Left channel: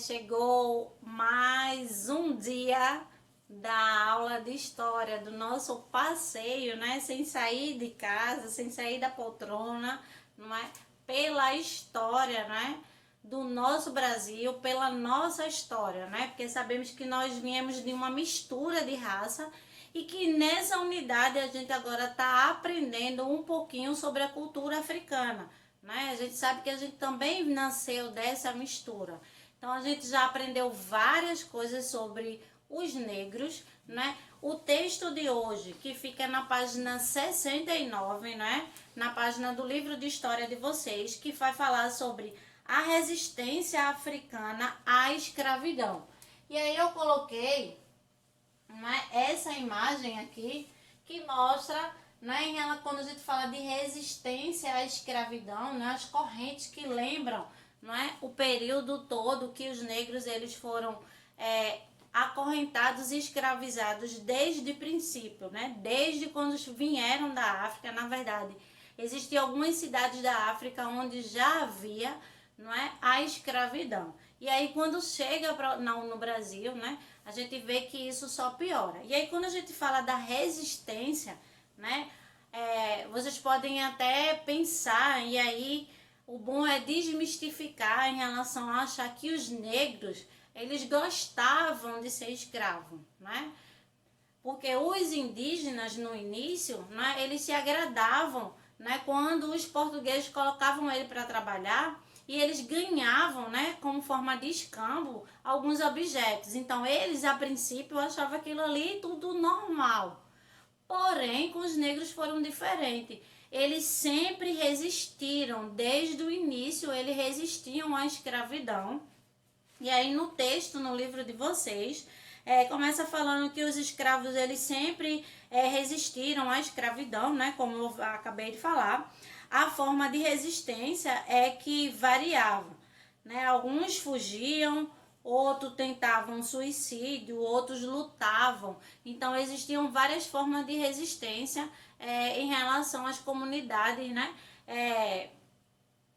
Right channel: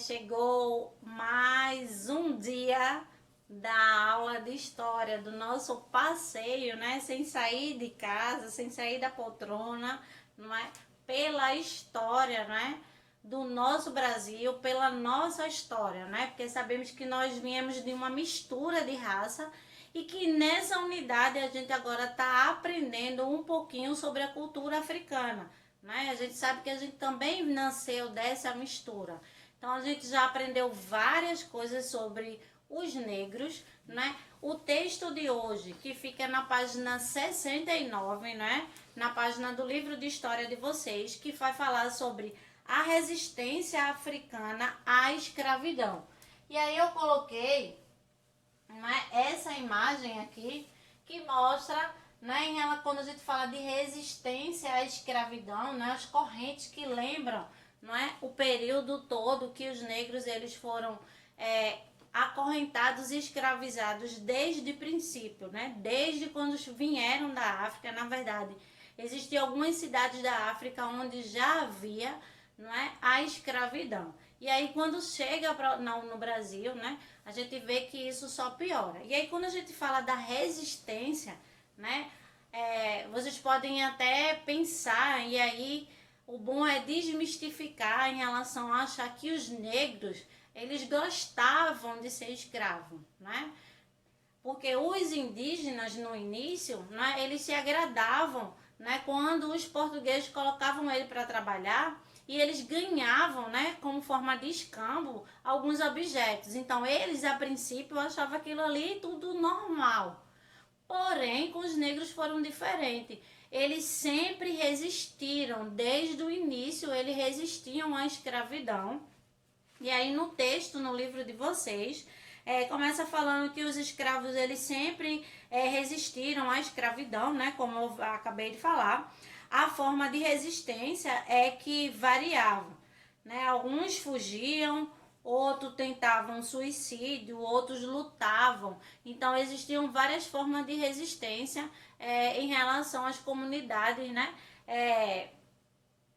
Chegou mais um dia da aula de história, do nosso passeio, né? Sem sair de casa, sem sair da poltrona, não é? Pela história, né? Do nosso Brasil, pela nossa história, né? Porque sabemos que nós viemos de uma mistura de raça e que nessa unidade a gente agora está aprendendo um pouquinho sobre a cultura africana, né? A gente sabe que a gente também nasceu dessa mistura. Então a gente já aprendeu várias coisas sobre os negros, né? O texto de hoje, que fica na página 69, né? Na página do livro de história de vocês, que vai falar sobre a resistência africana à escravidão. E aí eu coloquei, né, essa imagem aqui que mostra, né, quando a gente fala de resistência à escravidão, né, as correntes que lembram, não é, o período todo que os negros eles foram acorrentados e escravizados desde o princípio, né, desde quando vieram da África. Na verdade, existiam algumas cidades da África onde já havia, não é, a escravidão. E aí quando chega no Brasil, né, a gente vê que isso só piora. E aí quando a gente fala da resistência, né, vocês podem até pensar, e aí o bom é desmistificar em relação a achar que os negros, eles gostavam de ser escravos, né? Porque os indígenas no início, né, eles se agradavam, né, quando os portugueses colocavam ele para trabalhar e eles ganhavam, né, como forma de escambo, alguns objetos. Então eles a princípio achavam aquilo ali tudo normal. Porém, com os negros foram diferentes. Eles sempre resistiram, desde o início eles resistiam à escravidão. E aí no texto, no livro de vocês, começa falando que os escravos eles sempre resistiram à escravidão, né? Como eu acabei de falar. A forma de resistência é que variava, né? Alguns fugiam, outros tentavam suicídio, outros lutavam. Então existiam várias formas de resistência em relação às comunidades, né?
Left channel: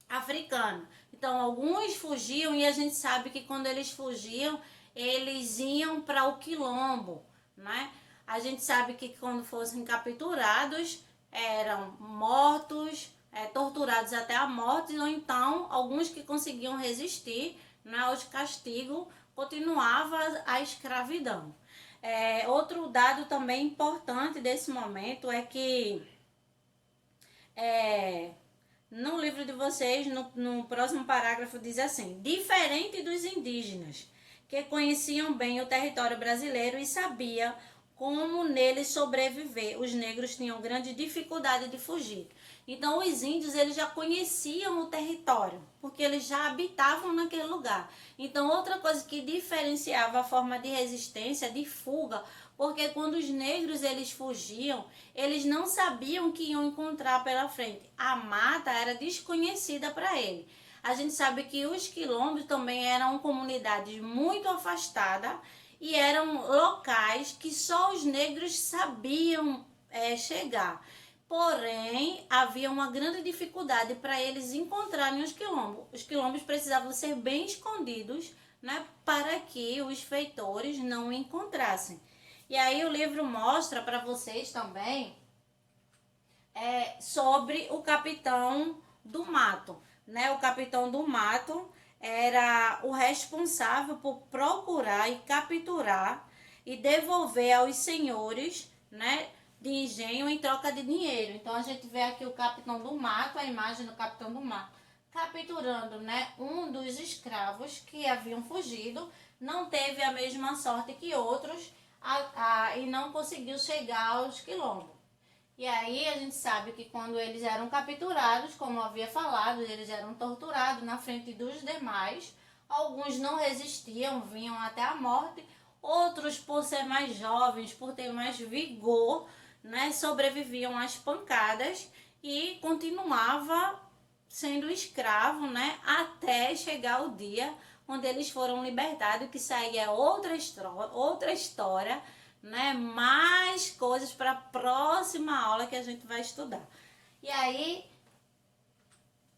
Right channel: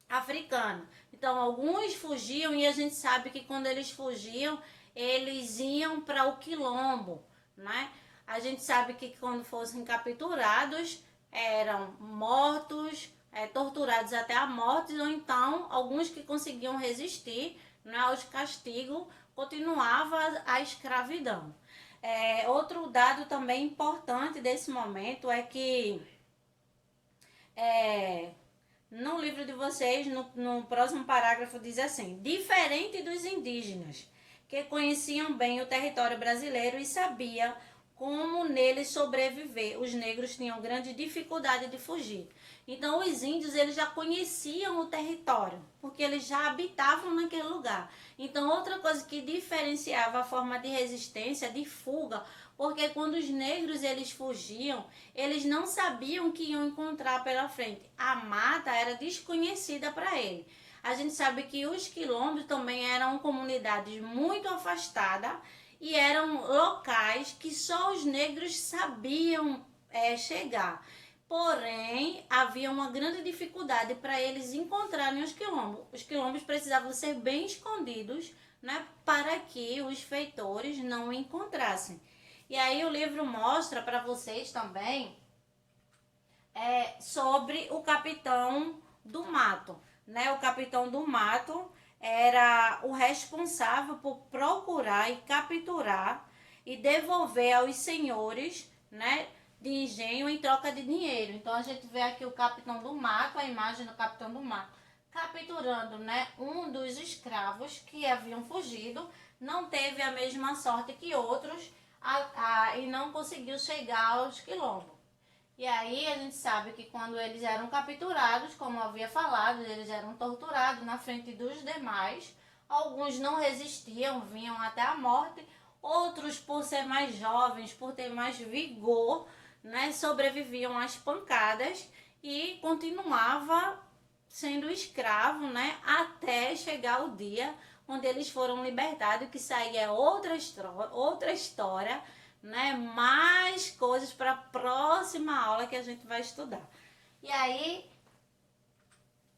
Africana. Então, alguns fugiam e a gente sabe que quando eles fugiam, eles iam para o quilombo, né? A gente sabe que quando fossem capturados, eram mortos, torturados até a morte, ou então, alguns que conseguiam resistir, né, aos castigos, continuava a escravidão. Outro dado também importante desse momento é que no livro de vocês, no próximo parágrafo, diz assim: diferente dos indígenas, que conheciam bem o território brasileiro e sabiam como nele sobreviver, os negros tinham grande dificuldade de fugir. Então os índios eles já conheciam o território, porque eles já habitavam naquele lugar. Então outra coisa que diferenciava a forma de resistência, de fuga, porque quando os negros eles fugiam, eles não sabiam o que iam encontrar pela frente. A mata era desconhecida para ele. A gente sabe que os quilombos também eram comunidades muito afastadas e eram locais que só os negros sabiam chegar. Porém, havia uma grande dificuldade para eles encontrarem os quilombos. Os quilombos precisavam ser bem escondidos, né, para que os feitores não encontrassem. E aí o livro mostra para vocês também sobre o capitão do mato, né? O capitão do mato era o responsável por procurar e capturar e devolver aos senhores, né, de engenho em troca de dinheiro. Então a gente vê aqui o capitão do mato, a imagem do capitão do mato, capturando, né, um dos escravos que haviam fugido, não teve a mesma sorte que outros e não conseguiu chegar aos quilombos. E aí a gente sabe que quando eles eram capturados, como eu havia falado, eles eram torturados na frente dos demais. Alguns não resistiam, vinham até a morte. Outros, por ser mais jovens, por ter mais vigor, né, sobreviviam às pancadas e continuava sendo escravo, né, até chegar o dia onde eles foram libertados, que saía outra história, né, mais coisas para a próxima aula que a gente vai estudar. E aí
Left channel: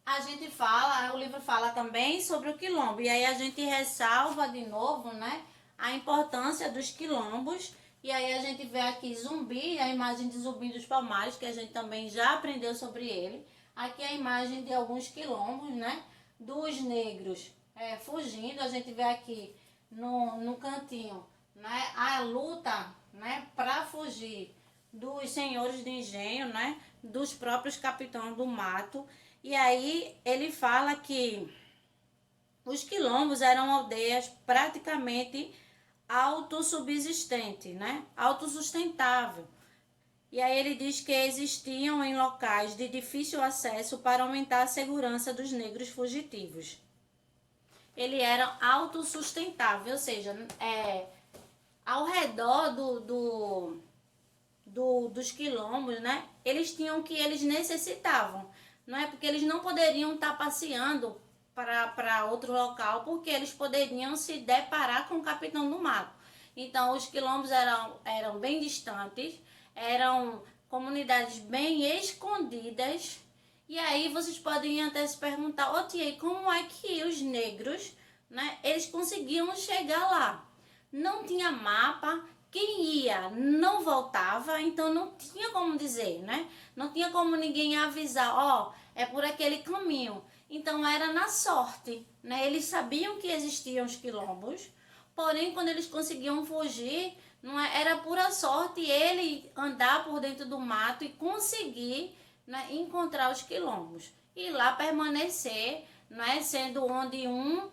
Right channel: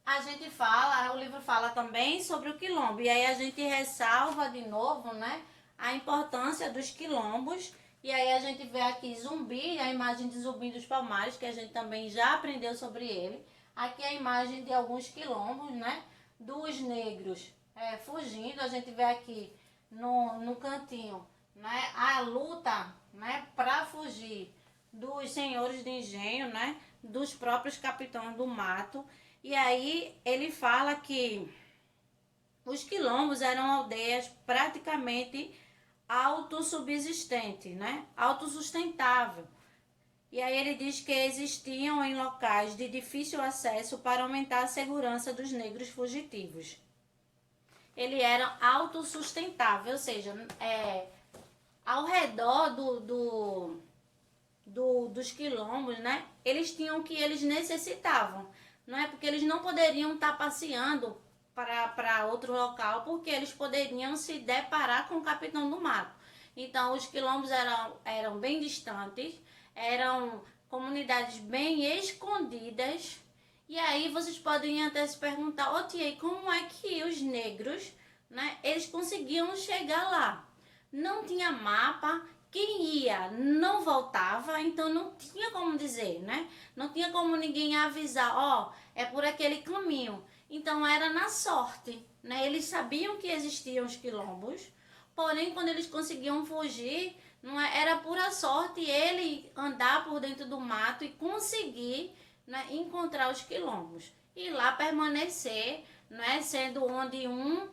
a gente fala, o livro fala também sobre o quilombo, e aí a gente ressalva de novo, né, a importância dos quilombos, e aí a gente vê aqui Zumbi, a imagem de Zumbi dos Palmares, que a gente também já aprendeu sobre ele. Aqui a imagem de alguns quilombos, né, dos negros fugindo, a gente vê aqui no cantinho, né, a luta, né, para fugir dos senhores de engenho, né, dos próprios capitães do mato. E aí ele fala que os quilombos eram aldeias praticamente autossubsistentes, né, autossustentável. E aí ele diz que existiam em locais de difícil acesso para aumentar a segurança dos negros fugitivos. Ele era autossustentável, ou seja, ao redor dos quilombos, né? Eles tinham o que eles necessitavam, não é? Porque eles não poderiam estar passeando para outro local, porque eles poderiam se deparar com o capitão do mato. Então, os quilombos eram bem distantes, eram comunidades bem escondidas. E aí vocês podem até se perguntar, ô tia, como é que os negros, né, eles conseguiam chegar lá? Não tinha mapa, quem ia não voltava, então não tinha como dizer, né? Não tinha como ninguém avisar, ó, é por aquele caminho. Então era na sorte, né? Eles sabiam que existiam os quilombos, porém quando eles conseguiam fugir, não era pura sorte ele andar por dentro do mato e conseguir, né, encontrar os quilombos e lá permanecer, né, sendo onde um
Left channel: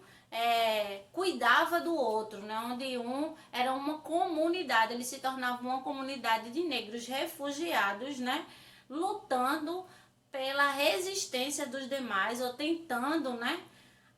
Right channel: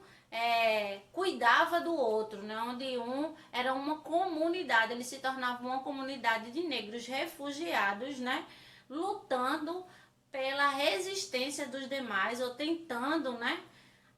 cuidava do outro, né? Onde um era uma comunidade, ele se tornava uma comunidade de negros refugiados, né? Lutando pela resistência dos demais, ou tentando, né?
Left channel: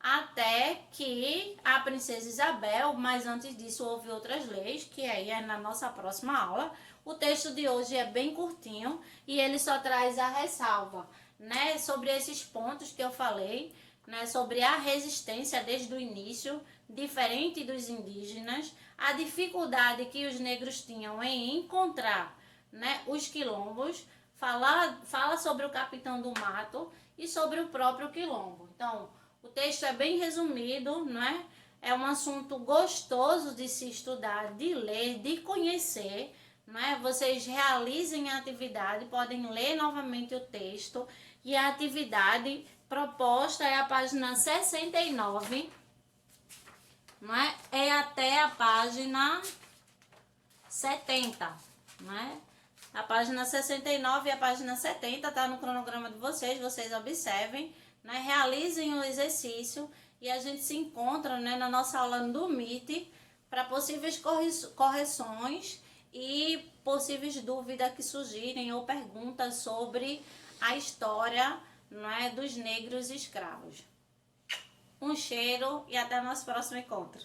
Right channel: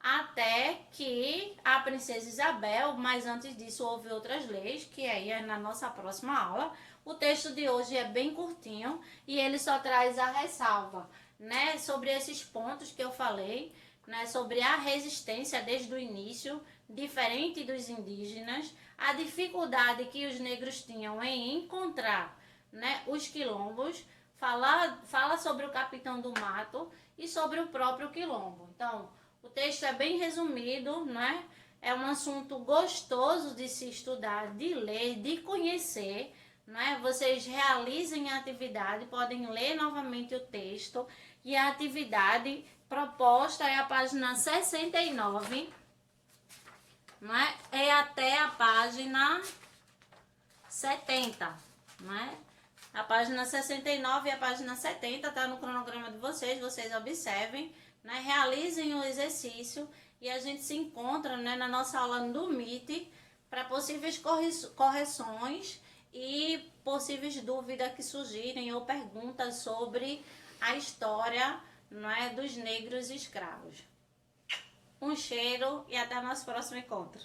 Até que a princesa Isabel, mas antes disso houve outras leis, que aí é na nossa próxima aula. O texto de hoje é bem curtinho e ele só traz a ressalva, né? Sobre esses pontos que eu falei, né, sobre a resistência desde o início, diferente dos indígenas, a dificuldade que os negros tinham em encontrar, né, os quilombos, fala sobre o capitão do mato e sobre o próprio quilombo. Então, o texto é bem resumido, né? É um assunto gostoso de se estudar, de ler, de conhecer, né? Vocês realizem a atividade, podem ler novamente o texto e a atividade proposta é a página 69, não é? É até a página 70, não é? A página 69 e a página 70 tá no cronograma de vocês, vocês observem, né? Realizem o exercício e a gente se encontra, né, na nossa aula do Meet para possíveis correções e possíveis dúvidas que surgirem ou perguntas sobre a história, não é, dos negros escravos. Um cheiro e até o nosso próximo encontro.